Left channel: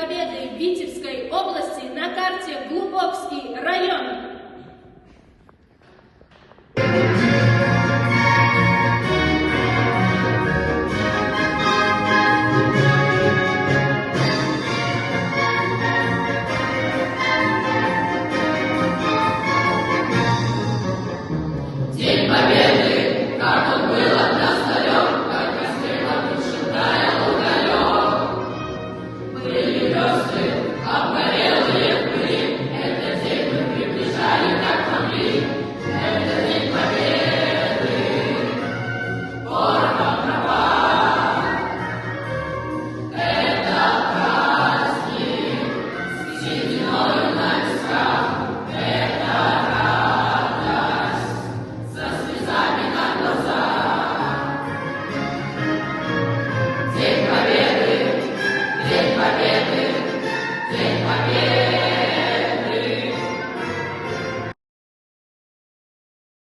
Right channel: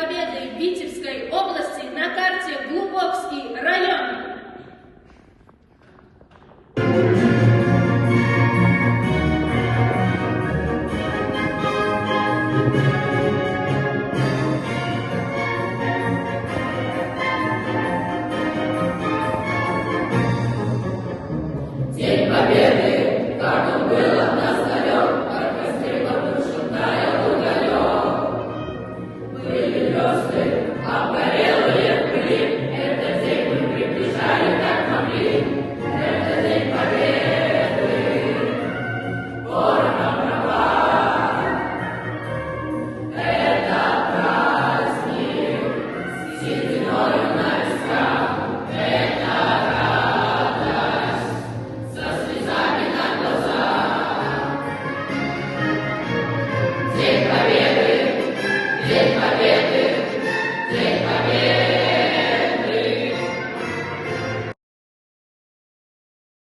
победы Витебской области на карте Глубокский район. День Победы, как он был от нас далек, как раскрыла душевная уголек. Были звезды, обгорелые в пыли, этот день мы приближали, как могли. Это день Победы, город права. Это праздник, с сединой на висках. День Победы, День Победы.